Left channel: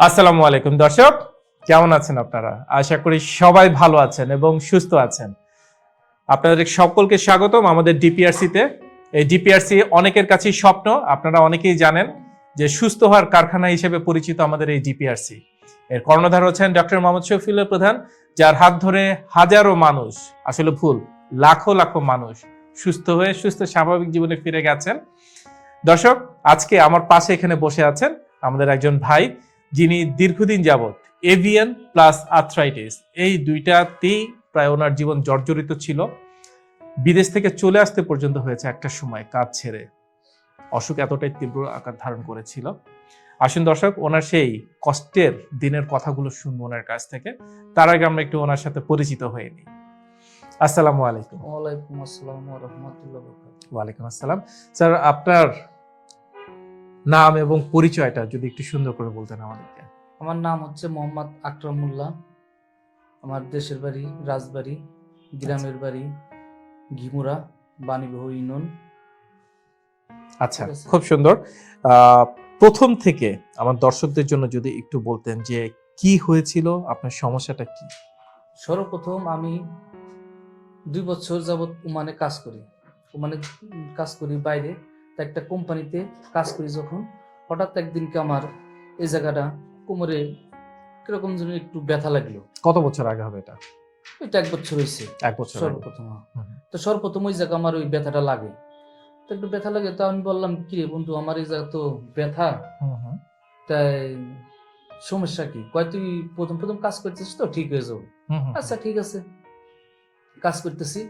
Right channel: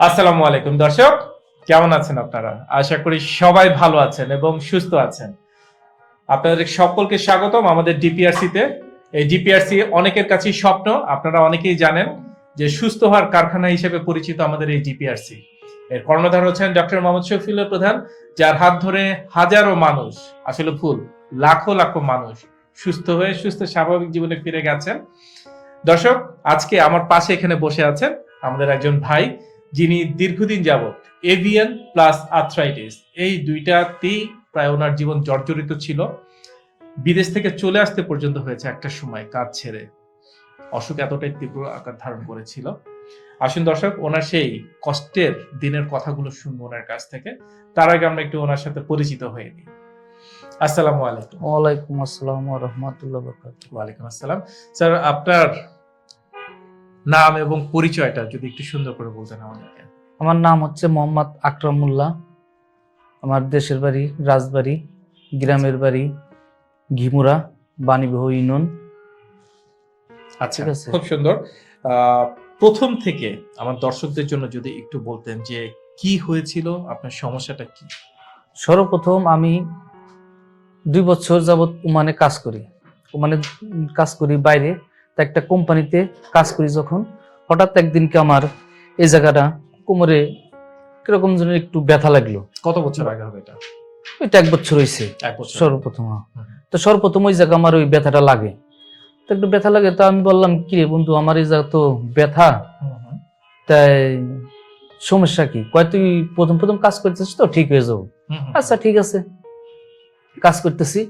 আসসালামু আলাইকুম, দর্শক। কেমন আছেন আপনারা? আশা করি সবাই ভালো আছেন এবং সুস্থ আছেন। আপনাদের সকলকে স্বাগতম আমাদের ডিপিআরসি তে। এই ডিপিআরসি অনেকের কাছেই স্বপ্ন, আপনারা অনেকেই জানেন যে সুস্থ হওয়ার কারখানা হিসেবে পরিচিত আমাদের এই ডিপিআরসি এর কর্ণধার হচ্ছেন ডক্টর মোহাম্মদ শফিউল্লাহ প্রধান, যার হাত ধরে হাজারো মানুষ, আসলে ভুল, লাখো লাখো মানুষ সুস্থ হয়ে সুস্থ স্বাভাবিক জীবনে ফিরে গেছেন। দর্শক, আজকে আমার পাশে এখানে বসে আছেন আমাদের একজন ভাই যিনি দীর্ঘদিন যাবৎ এভিয়ান প্লাস আর্থ্রাইটিস এই দুইটাতেই প্রায় ওনার জীবন জর্জরিত ছিল। বিদেশ থেকে চলে আসতে পর্যন্ত হয়েছে একটা সময় কাজ ছেড়ে। অসুখ এতটাই তীব্র আকার ধারণ করেছিল। আসুন দর্শক ওনার সেই কষ্টের দিনের কথাগুলো শুনব ওনার কাছ থেকে। তার আগে আমরা একটু ওনার সাথে পরিচিত হয়ে নিই। আসসালামু আলাইকুম। ওয়ালাইকুম আসসালাম রহমতুল্লাহ ওয়ালাইকুম আসসালাম। স্যার আপনার নাম এবং পরিচয়টা যদি একটু সুন্দর করে বলতেন আমাদেরকে। আমার নাম হচ্ছে মোহাম্মদ আকরামুল্লাহ আমার দেশের বাড়ি রাজবাড়ি গ্রামের বাড়ি ঘিমুরা বাণীবহ ইউনিয়ন। আচ্ছা খুব সুন্দর। আহ, প্রথম থেকে আমার দর্শকদের জন্য যদি একটু বলতেন যে কি হয়েছিল আপনার সমস্যাটা কি? সর্বপ্রথম আমি দুই বছর যাবৎ ওমানে কাজ করি। ওমানে কাজ করি বাইরে। তা একটা কোম্পানিতে কাজ করি যখন। হঠাৎ একদিনকে আমার এই জায়গাটা কোমরে কীরকম যেন একটু ব্যথা লাগল। কত বছর আগে হবে এটা? ওইটা এক বছর হয়েছে সর্বপ্রথম তো সর্বপ্রথম ওই জায়গা আমার ওই ব্যথাটা লাগে। তো একটু ব্যথা লাগে তো আমি বললাম কি রে বন্ধু আমার এই জায়গা তো ব্যথা। তাই সমস্যা কি? কয় তুই প্রথম প্রথম কাজ করতেছিস তো ঠিক হয়ে যাব। আচ্ছা ঠিক আছে। কাজ করতেছি।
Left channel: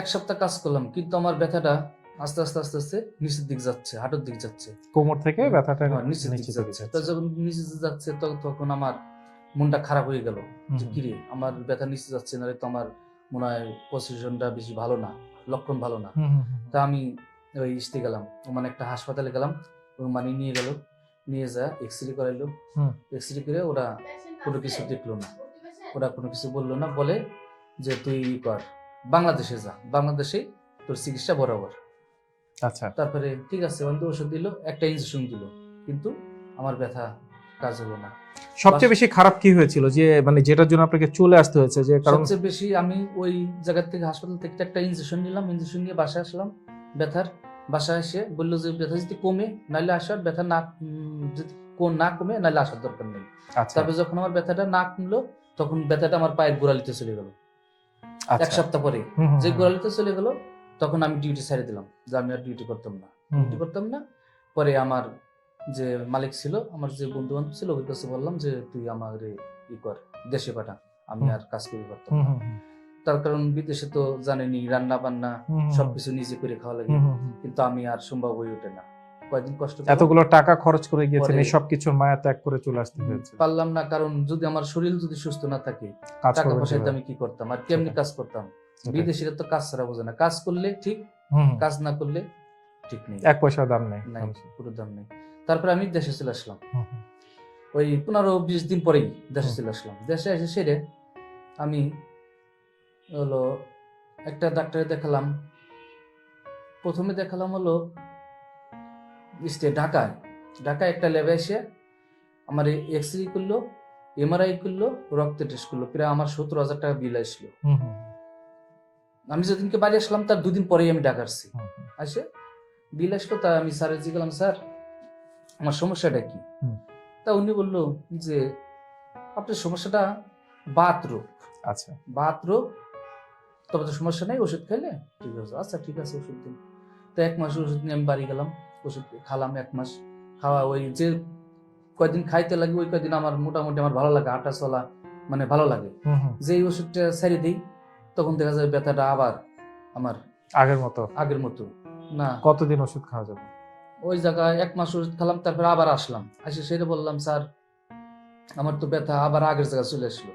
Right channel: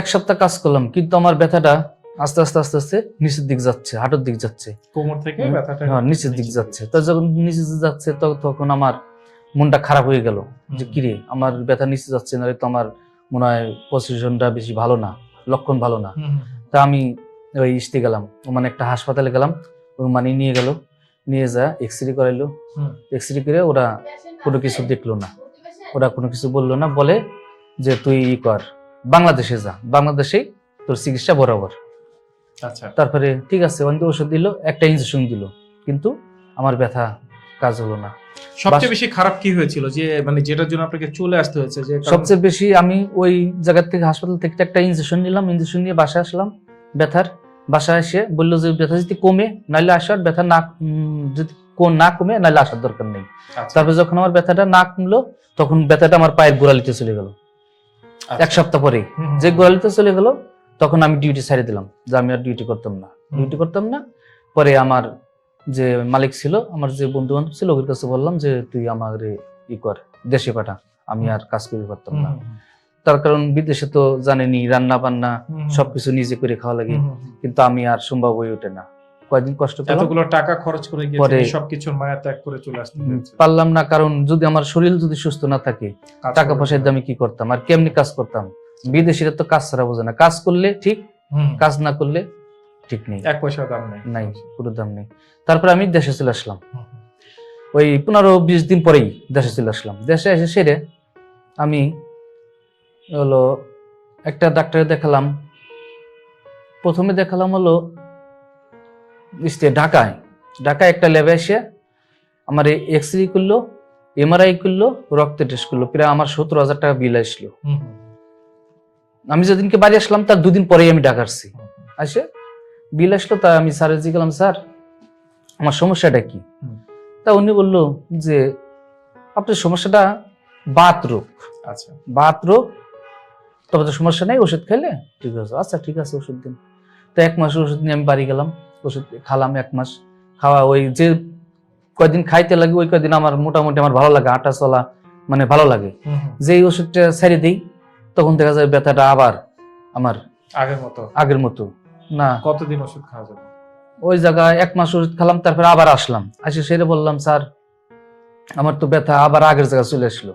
এক সপ্তাহ কাজ করলাম কিন্তু আমার ব্যথাটা আস্তে আস্তে আস্তে আস্তে নিচের দিক যাচ্ছে হাঁটুর দিক যাচ্ছে। কোমর থেকে ব্যথাটা হ্যাঁ নিচের দিক যাচ্ছে। তো যখন নিচে যাচ্ছে তখন আমার মনটা খারাপ হয়ে গেল যে কিরে আমার ব্যথা নিচে যাচ্ছে না তো আমার মনে হয় পজিশনটা বেশি ভালো না লক্ষণ ভালো না। তা আমি ওই ইস্তে গেলাম মানে একটা হাসপাতালে গেলাম মানে নিয়ে গেল নিয়ে যা এক্স রে করাইলো। এক্স রে করে ওরা কোনো কিছু দেখল না। ওরা কোনো কিছু বলল না বলে যে তুই ই কর বাংলাদেশে যা বাংলাদেশেই তোর চিকিৎসা বরাবর। আচ্ছা। তারপরে ঠিক আছে ওখানে ওষুধ দিল একটা ইঞ্জেকশন দিল কিন্তু আমার ব্যথা কাজ হলো না। সবচেয়ে বেশি খারাপ কি হয়েছিল? যে মানে যেটার জন্য আপনাকে চলে আসতে হয়েছে যে সবচেয়ে বেশি আমি ওই জায়গা থেকে হাসপাতাল থেকে একটা ইঞ্জেকশন নিলাম ইঞ্জেকশন নিয়ে বাসায় আসলাম। ব্যথার বাসায় এসে বলল যে ব্যথা যদি কমে নাহলে আসার ব্যথা না যদি না কমে নাহলে আসার দরকার নেই। আচ্ছা, তারপরে যখন আমার ব্যথাটা না কমলো তখন ব্যথাটা আমার পায়ের গোড়ালিতে চলে গেল। আচ্ছা। এক সপ্তাহ পরে যে গোড়ালিতে চলে গেল তখন আমি ডিউটি ছাড়িয়ে দিলাম যে আমি আর ডিউটি করতাম না। ডিউটি করতাম না পরে আমার যে মালিক ছিল আমার যে বন্ধু বান্ধব ছিল ওর কাছে বললাম যে তুই আমার ই কর দেশে পাঠা আমি আর কাজ করতে পারতাম না। তার কারণ বিদেশে তো জানেনি রান্না বান্না। সবকিছু নিজে করে খাওয়া লাগে। কিন্তু আমি আর সম্ভব হয়ে ওঠে না। কয়েকদিন কষ্ট এতগুলো টাকা খরচ করে গিয়ে পরে- সবকিছুর মায়া ত্যাগ করে চলে আসতে পারলাম না কারণ যদি আমার শরীর যদি সুস্থ না থাকে টাকা পয়সার। দামে কি করতাম? আর কেমনি কাজ করতাম? বিদেশিরা তো কাজ ছাড়া বোঝে না। কাজ করলে ঠিক কাজ না করলে ঠিক নেই। এক পয়সা দাম নাই। নাই পুরো দাম নেই। তারপরে আমি দেশে চলে আসলাম। ওই পনেরো বিশ দিন পরেই দেশে চলে আসলাম। দেশে এসে সেরে আমি হলো একটা ডাক্তারে দেখালাম। প্রথমে দেখালাম হলো ঢাকায়। ঢাকায় একটা ল্যাবে এসে আমার এক্স রে করল এমআরআই করল রক্তের টেস্ট করল। প্রায় আমার সত্তর হাজার টাকা বিল আসলো। আমি যেদিনকে বাড়ি আসলাম তার দুদিন পরেই আমি ঢাকা আসছি। আসে? বিল আসলো তা আমি স্যারের জিজ্ঞালাম স্যার আমার সমস্যাটা কি? তা উনি বলল যে আপনার সমস্যাটা বাত রোগ। আচ্ছা। বাত রোগ? তবে তো সমস্যা নেই ওষুধ খেলে? ঠিক আছে। আচ্ছা ঠিক আছে ওষুধ দিন। তো এক মাস ওষুধ নিয়ে আমি বাড়ি গেলাম ওষুধ খালাম এক মাস। খাওয়া ওই যে কয়দিন খাইতে লাগে ওই কয়দিন আমার মোটামুটি আমার ভালো লাগে আটা চলা মানে ভালো লাগে। যেই ওষুধটা ছেড়ে দিই তখন দেখা যায় ব্যথাটা আবার আমার আগের মতো। আগের মতো। না। কতদিন ওষুধ খাওয়া যাবে? ওই জায়গায় এক মাস ওষুধ খেলাম তারপরে আবার আসলাম। আসে সেরে বললাম স্যার আমার তো ব্যথা আবার আগের জায়গায় চলে আসলো।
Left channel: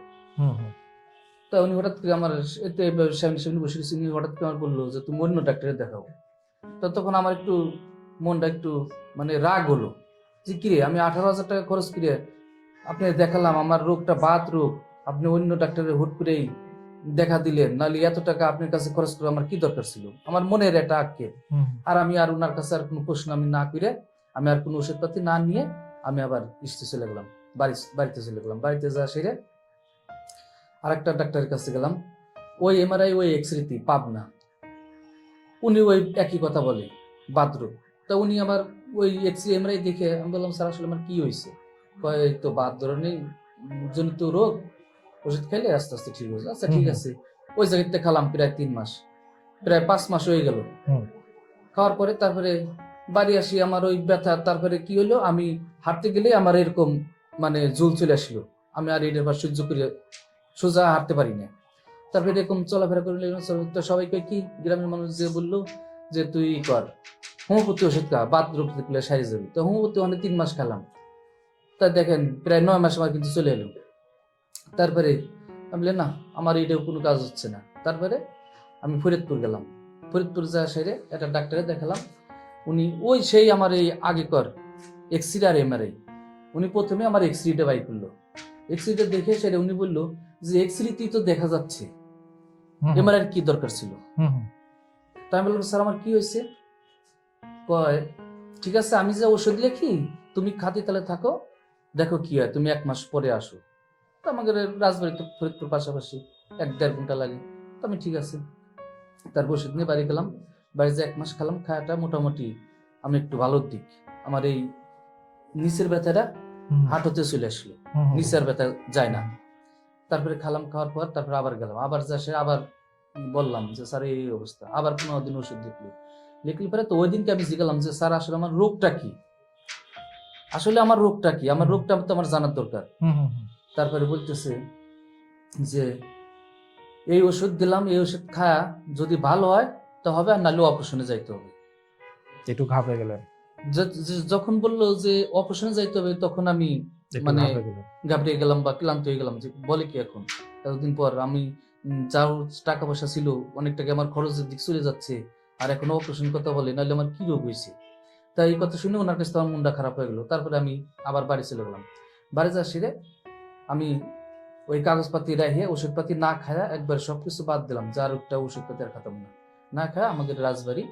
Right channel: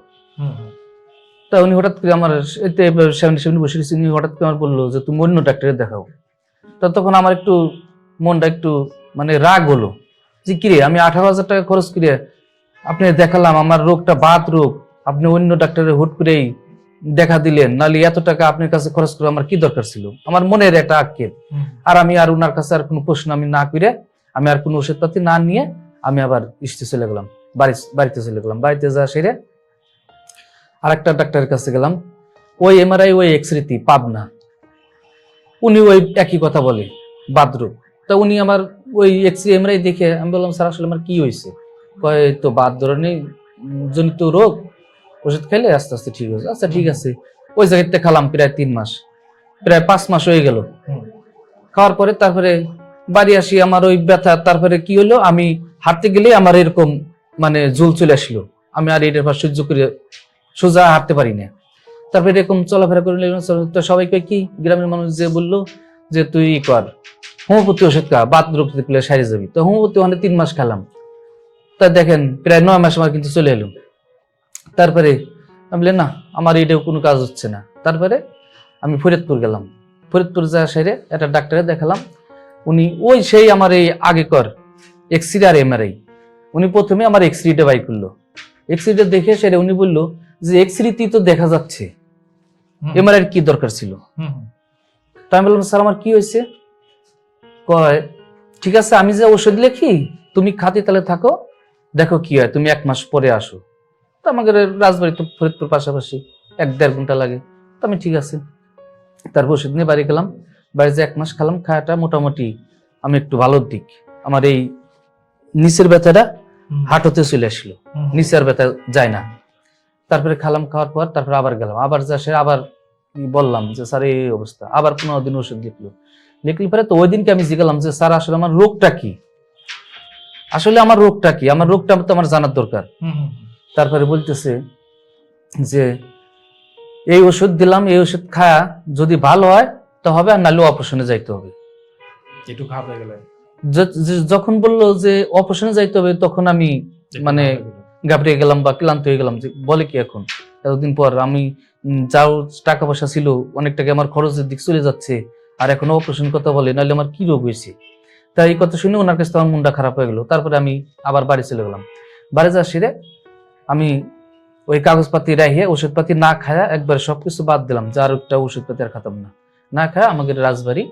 তা উনি হঠাৎ করে আমার এতে সামনে সামনে বসে গেছি, উনি হঠাৎ করে আমার বলল যে তুমি অন্য ডাক্তারে দেখাও। তা তখন আমার একটু মনটা একটু মানে রাগ হলো। যে কিরে আমি আঠারো হাজার টাকা খরচ করে আপনি দেখালাম আমার রোগটা বাত রোগ। আপনি অন্য ডাক্তারে হুট করেই দেখা দিলেন নাহলে এত টাকা আপনার কাছে খরচ করে আমার কি দরকার ছিল? আমার মনের একটা আক্ষেপ। আর আমি আর ওনার কাছে আর কোনো প্রশ্ন আমি না করে আমি আর কোনো ওষুধপাতি না নিয়ে আমি আবার ইস্তে চলে গেলাম বাড়ি বাড়িতে চলে গেলাম। বাড়িতে যা সেরে আরেকটা ডাক্তারের কাছে গেলাম। ওই এমআরআই ওই এক্স রেতি পাবনা। উনি ওই একই কথা বলে বাথরুম তা উনি আমার ওই এক্স রে এমআরআই দেখে আমি বললাম স্যার আসলে আমার কি হয়েছে? কয় তো বাদ ধরনের জনিত রোগ ওষুধ খেলে আস্তে আস্তে ঠিক হয়েছে। আচ্ছা ঠিক আছে। ওই জায়গাতে খেলাম প্রায় তিন মাস। প্রায় পাঁচ মাস হয়ে গেল। খাওয়ার পরে তারপরে বাড়ি আসি আমার ওই ব্যথা। তারপরে কি হলো? আমি হাঁটতে গেলে আমার এরকম মানে জুল চলে আসলো। আমি আর এটার পর সহ্য করে সোজা হাঁটতে পারি না। তারপরে এরকম চলাফেরা করে নিলাম, তো সবাইকে কি? গ্রামের মানুষ যে বলল যে তুই ই কর হোমিওপ্যাথি ওষুধ খা বাত রোগ পেলে সারি যাবি। তো হোমিওপ্যাথি অনেক তিন মাস খেলাম। তা দেখেন প্রায় নয় মাস আমার কিন্তু চলে এলো। তারপরে আমি বললাম, না আমার এটাও কোনো কাজ হচ্ছে না। তারপরে আমি ফরিদপুর গেলাম। ফরিদপুর যা সেরে একটা ডাক্তারে দেখালাম। উনি ওই সেই আমার এই আগেকর এক্সরে আর এমআরআই উনি প্রথমে আমার এক্স এক্সরেটা বাই করল। এক্স এক্সরেটা দেখে সেরে উনি বলল যে এক্স এক্সরেতেই তো দেখা যাচ্ছে। এমআরআই কি দরকার ছিল? হুম। আমি বললাম স্যার আমার কি হয়েছে? কয় ঠিক আছে আমি যে ওষুধ লিখি তুমি খাতি তাহলে থাকো দেখো কি হয় তুমি এক মাস পরে আসো। তো আমাদের রাজবাড়ি তো ফরিদপুর পাশাপাশি এক দেড় ঘণ্টা লাগে। তো আমি ঠিক আছে। তারপর ওষুধ নিয়ে বাড়ি গেলাম। বাড়িতে এক মাস খেলাম খাওয়াটা মোটামুটি আমি একটু ভালোর দিক। আমার এই নিচের ব্যথাটা। হাঁটুতে চলে আসলো। নিচের ব্যথা যায় না। তারপরে খালাম খাওয়ার পর তারপরে আবার গেলাম। আবার যা সে আবার বললাম যে স্যার এই অবস্থা। আবার পনেরো দিন ওষুধ লিখলো। লিখলি পরে তো ওই দিনকে আমি জিজ্ঞালাম যে স্যার আসলে আমার রোগটা কি? আসলে আমার রোগটা কি? আমার রোগটা তো আমার জানার দরকার। তারপরে বলতেছে যে এই ওষুধ দিলাম এই ওষুধ খায়া যদি ভালো হয় তো হবে আর নাহলে অপারেশনে যাইতে হবে। একটু ঘাবড়ে গেলেন। য- য- যখন বলল যে অপারেশনে যাইতে হবে তখন আমি মানে ঘাবড়ে গেলাম বা ক্লান্ত হয়ে গেলাম যে বলে কি এখন? এতদিন পর আমি যাও টাকা পয়সা ছিল অনেক টাকা আমার খরচের দিক চলে যাচ্ছে আর এখন অপারেশন কথা বলে নাহলে আমার কি রোগ হয়েছে? তাই এই কথা শুনে ওনার কাছে আমার মনটা খারাপ হয়ে গেল। তারপরে আমি আবার বাড়ি চলে গেলাম। বাড়ি যা সেরে আমি ওই কাগজপাতি রাখিয়ে ওষুধপাতি না খায়া একবার সব কিছু বাদ দিলাম। যার একটা ওষুধপাতি আর খাতাম না। না খায়া আমাকে রাজবাড়ি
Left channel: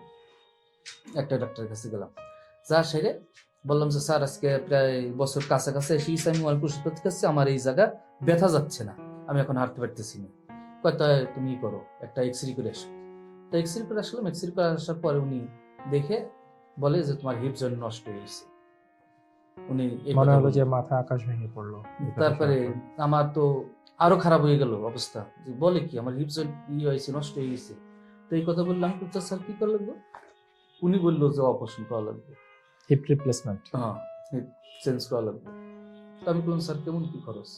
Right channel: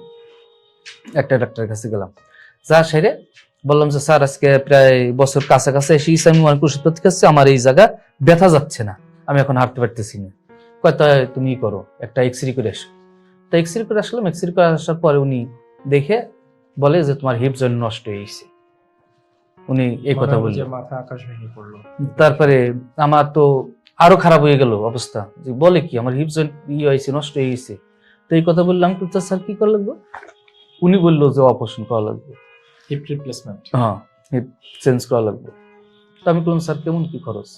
একটা ডাক্তারের কাছে গেলাম। যা সেরে বললাম যে, স্যার, আজকে প্রায় বছর কাছাকাছি এসে আমি অনেক ওষুধপাতি খাচ্ছি, আমার এই জায়গা ব্যথা যাচ্ছে না। আমি এখন হাঁটতে পারতেছি না। কয়, তা তুমি করো, একটা এক্সরে করে এসো। তা এক্সরে করে আসলাম। এক্সরে করে আসার পরে উনি দেখে বলে যে, তোমার হিপ জয়েন্ট নষ্ট হয়ে গেছে। উনি এই কথা বললেন। মাথা আকাশ ভেঙে পড়ল। তারপরে আমার তো আরও খারাপ হয়ে গেল অবস্থা। বলে কি আমার হিপ জয়েন্ট ইয়ে হয়েছে নষ্ট হয়ে গেছে। তো এই কথা বললাম তো স্যার কি করা লাগবে? উনি বলল যে অপারেশন করা লাগবে। হিপ রিপ্লেসমেন্ট হ্যাঁ হিপ চেঞ্জ করা লাগবে। তো আমি বললাম স্যার কেমন কি খরচ?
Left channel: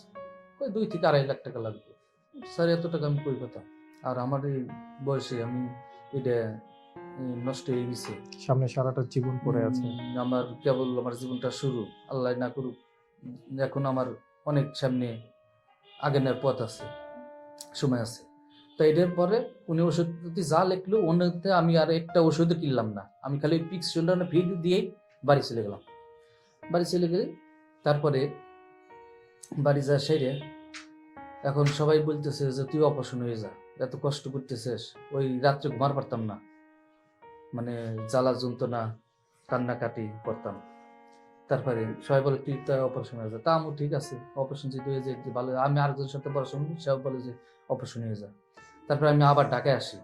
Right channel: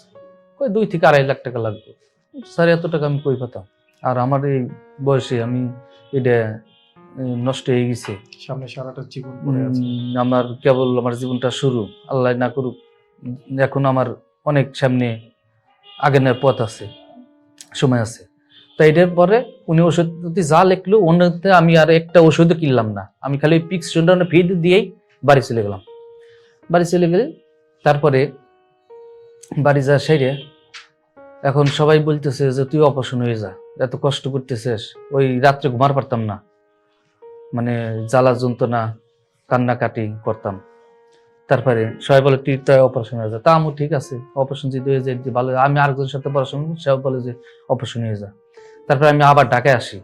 ওই দুই থেকে আড়াই লাখ টাকা লাগবে। স্যার এত টাকা আমি কই পেতাম? আর আমার এই বয়সে আমি এটা নষ্ট হয়ে গেছে। সামনে সারাটা জীবন পড়ে আছে। আমার কেবল আমার জীবনটা শুরু আল্লাহ না করুক এখন আমার অনেক সামনে আগেনের পথ আছে সময় আছে। তো এটার পরে উনি ওষুধ যদি যা লিখলো অন্যতে আমি আর একটা ওষুধও কিনলাম না। আমি খালি ওই পিক্স ফিড দিয়েই বাড়ি চলে গেলাম। বাড়ি চলে গেলে তারপরে বাড়ি যা সেরে এখন সবাই বলতেছে যে তুই অপারেশন হয়ে যা এত কষ্ট করতেছিস ওই রাত্রে ঘুমার পারতাম না। মানে জ্বালা যন্ত্রণা, কান্নাকাটি করতাম। তারপরে সবাই বলে, তুই তো অপারেশন হয়ে যা। তা আমি ঠিক আছে অপারেশন যদি হয়ে যায় ভালো আমি আরেকজনের সাথে পড়াশোনা সেও বলে যে অপারেশন হয়ে যা। তারপরে আমি আবার ঢাকায় আসি।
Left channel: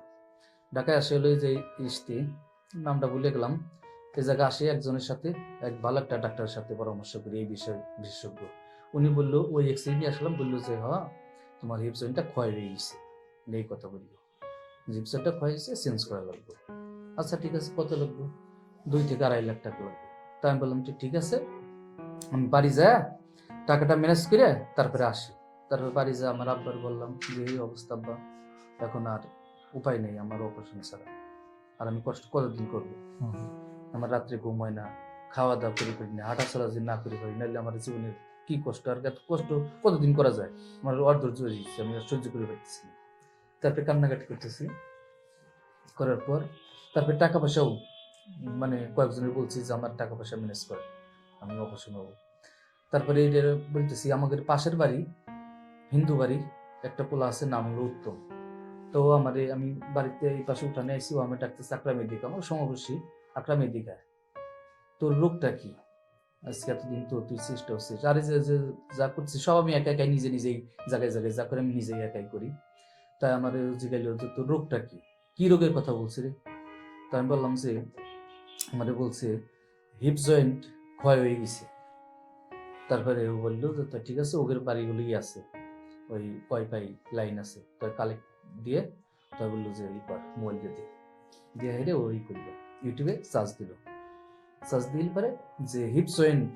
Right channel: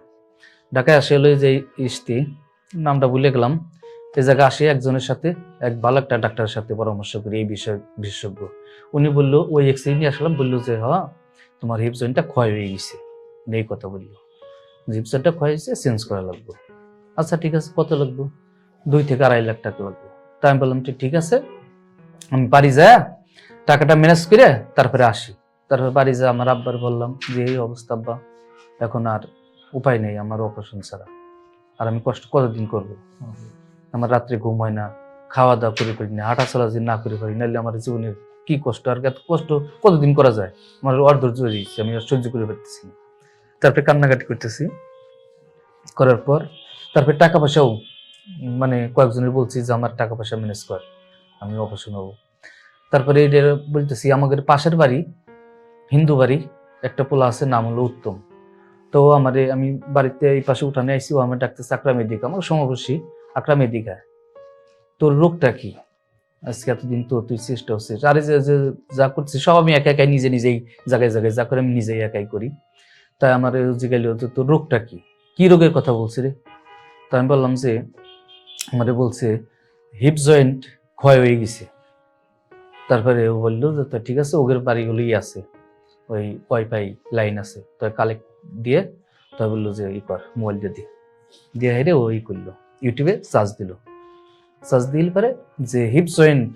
ঢাকায় আসি হলো যে ইস্তি, নামটা ভুলে গেলাম। এই জায়গায় আসি একজনের সাথে, এক ভালো একটা ডাক্তারের সাথে পরামর্শ করি, এই বিষয়ে বিশেষজ্ঞ। উনি বলল, ওই এক্সরে নিয়ে আসলাম। বলল যে হ্যাঁ তোমার হিপ জয়েন্টটা ক্ষয় হয়ে গেছে। এই কথা বলল। হিপ জয়েন্টটা ক্ষয় হয়েছে চেঞ্জ করা লাগবে। আচ্ছা ঠিক আছে, কত লাগবে? দুই থেকে আড়াই লাখ টাকা লাগবে। তাই আমি বললাম ঠিক আছে, আমি বাড়ি যা, টাকাটা ম্যানেজ করে তারপরে আসি। তারপরে বাড়ি যা, আমার আব্বার বললাম যে, এই অবস্থা, আব্বা, এখন আর উপায় নেই আমার অপারেশন ছাড়া। আর আমি কষ্ট কতদিন করব। আমার রাত্রে ঘুম হয় না খাওয়া দাওয়া করে পারি না হাঁটা চলা যদি না করে পারি নাহলে আমার জীবনের কি কষ্ট, আর এত কষ্ট কতদিন করা যায়? আমার অর্ধৈর্য আমি সহ্য করে পারতেছি না। তারপরে কান্নাকাটি করতেছি, করার পর তারপরে টাকা পয়সাও মানে কয়েকজনের বলছি যে আমার টাকা পয়সা ম্যানেজ কর, আমি অপারেশন হব তারপরে এটা বলতেছি, আমাদের পাশের বাড়ি, হিন্দু বাড়ি, একটা পোলা আছে, নাম হলো উত্তম। তো আমারে, আমি বাড়িতে এই পাশে উঠানে আইসি ও আমার ডাক্তার আকরাম এদিকে, আমার সমবয়সী আকরাম এদিকে। তোর রোগটা কি? আজকে এতদিন তো তুই চেষ্টা হচ্ছিস আরে যে যে করছিস, সব আমি একা একাই নিজে নিজেই, জায়গায় জায়গায় যা করে আমি নিজেই একাই করি। তাই আমার জিজ্ঞাসা তোর রোগটা কি? কি রোগের কথা বলছি রে? আমি বললাম যে আমারে বলছে হিপ জয়েন্ট ক্ষয় হয়ে গেছে। তারপরে ও বলল যে তো ঠিক আছে ওদের বাড়িগুলোই আছে। ওই ওয়াইফাই লাইন আছে। তো কালেক্ট দিয়ে তো বলল যে ই কর মোবাইল দিয়ে দিয়ে দিয়ে হেরে ও ই করল। ইউটিউবে সার্চ দিল। সার্চ দিল পরে যে হিপ জয়েন্ট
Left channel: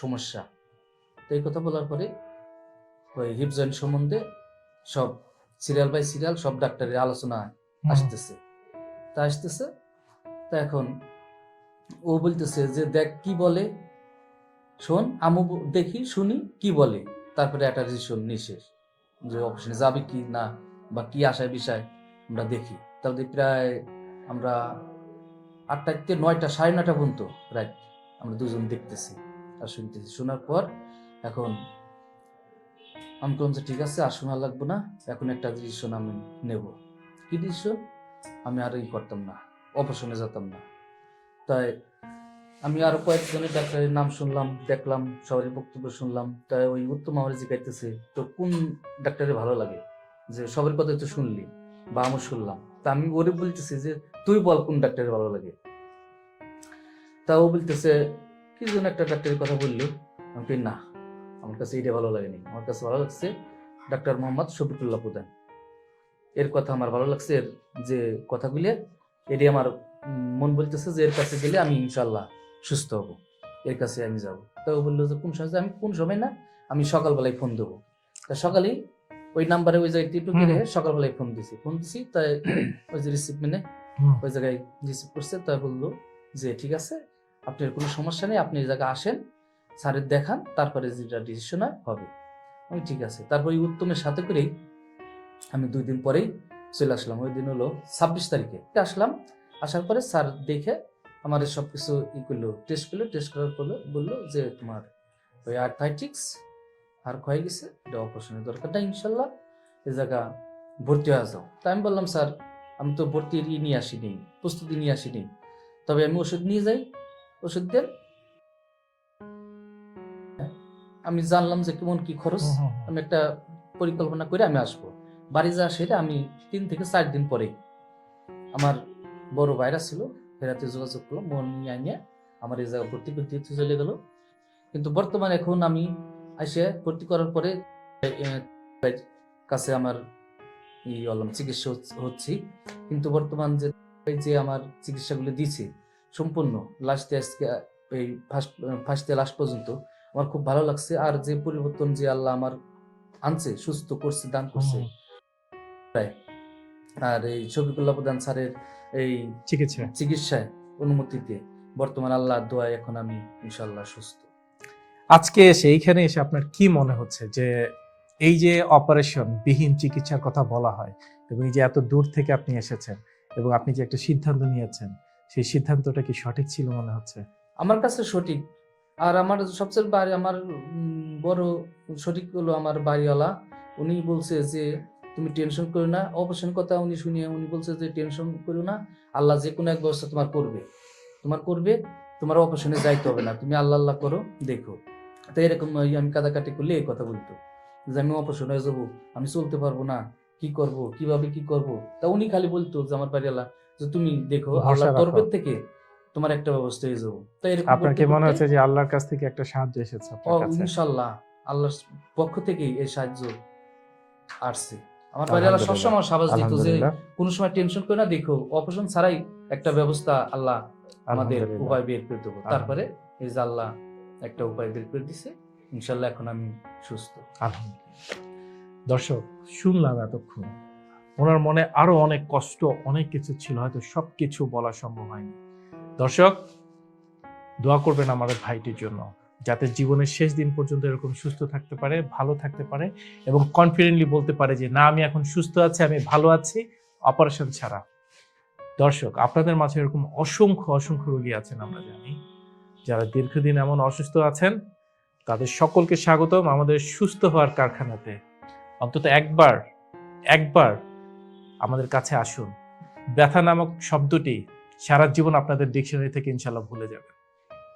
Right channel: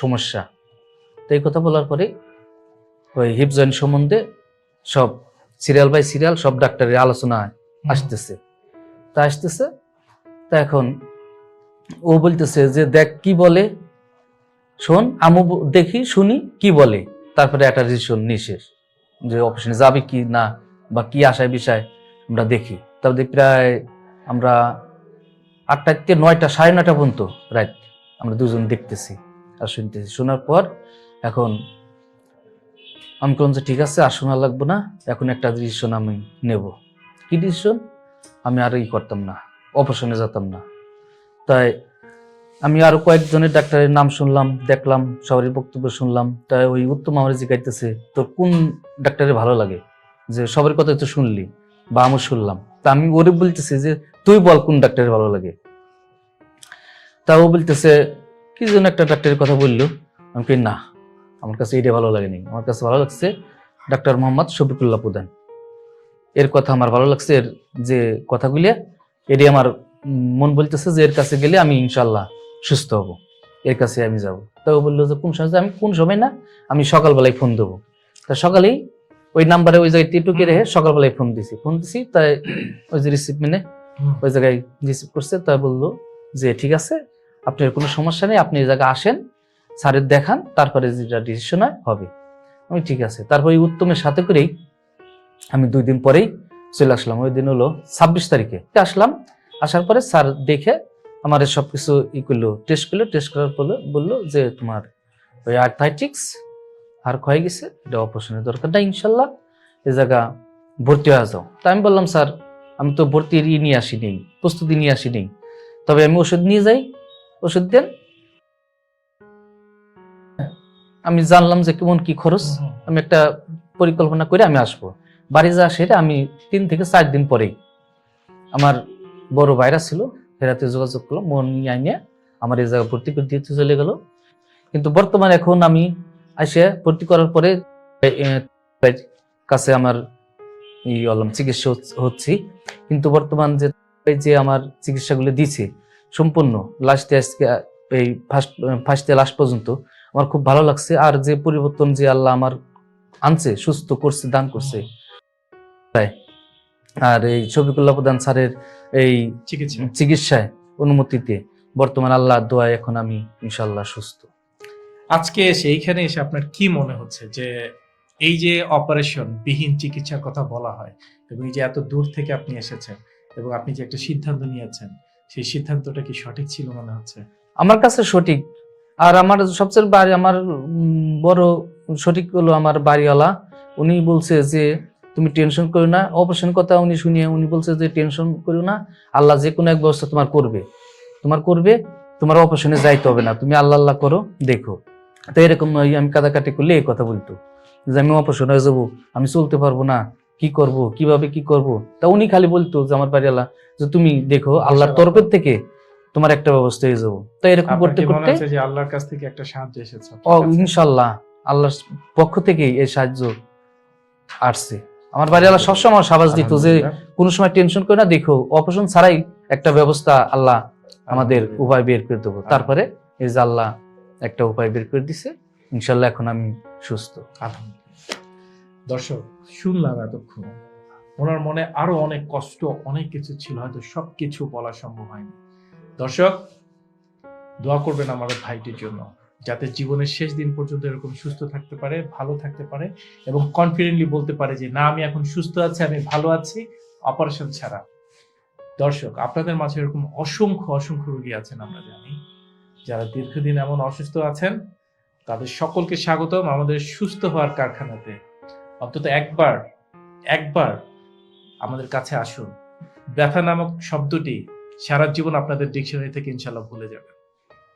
সমস্যা। তো এই কথা বলার পরে ওই হিপ জয়েন্ট সম্বন্ধে সব সিরিয়াল বাই সিরিয়াল সব ডাক্তারের আলোচনা আসতেছে। তা আসতেছে তা এখন। ও বলতেছে যে, দেখ কি বলে? শোন, আমু দেখি, শুনি, কি বলে? তারপরে একটা ডিসিশন নিশেষ যে অপারেশনে যাবে কি না বা কি আশায় বিষয়, আমরা দেখি। তারপরে প্রায় আমরা আটটা থেকে নয়টা, সাড়ে নয়টা পর্যন্ত রাত আমরা দুজন দেখতেছি আর শুনতেছি। শোনার পর এখন আমি কোন ঠিক আছে, আর শোনা লাগবো না। এখন একটা ডিসিশন আমি নেব। কি ডিসিশন আমি আর ই করতাম না। অপারেশনে যেতাম না। তাই আমি আরও কয়েকজনের ডাক্তারের নাম শুনলাম, দেখলাম, সবারই বক্তব্য শুনলাম। তাই ওই উত্তম আমার জিজ্ঞাইতেছে তোর কোন ডাক্তারের ভালো লাগে? যে সবার কথা তো শুনলি, বা আমি শুনলাম। তা আমি ওরে বলতেছি যে, তুই বল কোন ডাক্তারের ভালো লাগে? তা ও বলতেছে, কি যেন একটা ডাক্তারের কথা বলল। আমি কি না, আমার কাছে এটা ভালো লাগেনি। আমার কাছে ভালো লাগছে ডাক্তার মোহাম্মদ শফিকুল্লাহ প্রধান। এর কথা আমার ভালো লাগছে, এর যে কথাগুলি এটি আমার মন বলতেছে যে এর কাছে গেলে আমি ইনশাল্লাহ সুস্থ হব। এর কাছে আমি যাব। তা ও বলল যে কোন সময়? আমি কোন সময় না আমি সকালবেলায় ফোন দেবো। তা সকালেই ওই নাম্বারে ওই জায়গায় টিটুকে রেখে সকালবেলায় ফোন দিছি। ফোন দিছি তাই ওই যে রিসিভ মেনে ওই জায়গায় রিসিভ করছে। তা বলল যে ঠিক আছে আপনার কোনো সমস্যা নেই আপনি এই জায়গায় আসেন স্যারের দেখান তারপরে যেটা ডিসিশন হয় হবে। আমি ঠিক আছে। তারপরে উত্তমের সাথে করেই আমি দুই দিন পরেই চলে আসলাম। ওই দিন হলো ছাব্বিশ তারিখে। আসলাম আসার পরে স্যার দেখে আমার সব কিছু ই করল টেস্ট করল। টেস্ট করার পরে বলল যে তোমার ওই আর্থাইটিক্স আর ক্ষয়ে গেছে এটা অপারেশনের দরকার না ইনশাল্লাহ এই জায়গা ভর্তি হয়ে যাও। তা আমি বললাম স্যার আমি তো ভর্তির ই নিয়ে আসিনি প্রস্তুতি নিয়ে আসিনি। তবে আমি ওষুধ নিয়ে যাই ওষুধ দেন। আমি জানলাম যে কেমন কি খরচ। আমি একটা পরিকল্পনা করে আমি আসব। বাড়ি যা সেটা আমি তিন থেকে চার দিন পরেই আমার বড় ভাইরা ছিল ফেরাতে যোগাযোগ করল, মন আইনে আমার এই জায়গায় ভর্তি করে দিতে চলে গেল। কিন্তু বর্তমানে এখন আমি আসে ভর্তি করার পরে কাছে আমার ই হলাম চিকিৎসা হচ- হচ্ছি। কিন্তু বর্তমান যে যে আমার চিকিৎসাগুলো দিছে সম্পূর্ণ লাস্টে আজকে, এই ফার্স্ট ফার্স্ট লাস্ট পর্যন্ত আমার খুব ভালো লাগছে। আর যে পরিবর্তন যে আল্লাহ আমার আনছে, সুস্থ করছে, দান করছে আর এই শফিকুল্লাহ প্রধান স্যারের এই চিকিৎসা। চিকিৎসায় অনুমতিতে বর্তমান আল্লাহ দোয়ায় এখন আমি ইনশাল্লাহ সুস্থ। আজকে এসে এইখানে এসে আপনার কি মনে হচ্ছে যে এই যে অপারেশন বিহীন চিকিৎসার কথা বলা হয় এবং এই যে এত দূর থেকে আপনি এসেছেন এবং আপনি যে একটা সিদ্ধান্ত নিয়েছেন সেই সিদ্ধান্তটা কি সঠিক ছিল মনে হচ্ছে? আমার কাছে সঠিক। আর আমার সবচেয়ে বাড়ি আমার বড় সঠিক হলো আমার বাড়িওয়ালা। উনি বলছে যে তুমি টেনশন করো না। অপারেশন কথা উনি শুনিয়ে উনি বলছে যে টেনশন করো না। আল্লাহ যে কোনো এক ব্যবস্থা তোমার করবে। তোমার করবে তোমার অপারেশনে যাইতে হবে না। তুমি আল্লাহ আল্লাহ করো দেখো। তো এরকম আমি কাদাকাটি করলে এই কথা বলতো। যে আমি অপারেশন হয়ে যাব আমি চলতে পারব না। কি করব কীভাবে কি করব? তা উনি খালি বলতো যে আমার বাড়িওয়ালা যে তুমি দেখো আল্লাহর রাখো। তরফের থেকে তোমার একটা ব্যবস্থা হয়ে যাব। তো এরকম করতে করতে যে আল্লাহর কাছ থেকে একটা সাহায্য এসেছে? ও ইনশাল্লাহ। আল্লাহর পক্ষ থেকেই এই সাহায্য আসছে। আমার বাড়িওয়ালা সবসময় আমার সাবাস দিত যে। কোনো সময় টেনশন করে না দেখো অপারেশন ছাড়াই একটা ব্যবস্থা আল্লাহ আমাদের উপায় বের করে দেবো। তারপরে এই যে আল্লাহ একটা উপায় বের করে দিছে ইনশাল্লাহ এখন আমি সুস্থ। আলহামদুলিল্লাহ। দর্শক শুনলাম এতক্ষণ। ওনার মনে আরও অনেক কষ্ট অনেক কিছু ছিল হয়তো সবকিছু বলা সম্ভব হয়নি। দর্শক দোয়া করবেন আমাদের ভাইটির জন্য। যাতে জীবনের শেষ দিন পর্যন্ত এরকম সুস্থ থাকতে পারে ভালো থাকতে পারে এবং কনফিডেন্টলি বলতে পারে যে না আমি এখন সুস্থ আছি আমি ভালো আছি অপারেশন ছাড়া। দর্শক আপনাদের মাঝে এরকম অসংখ্য অসংখ্য রোগী আছেন আমরা জানি। যারা দীর্ঘদিন এমন অসুস্থ আছেন তাদের সকলকে স্বাগতম আমাদের সুস্থ হওয়ার কারখানাতে। অন্তত একবার একবার আমাদের কাছে আসুন। ব্যথা নামক শব্দটি সারা জীবন আপনাদের ডিকশনারি থেকে ইনশাল্লাহ ভুলে যাবে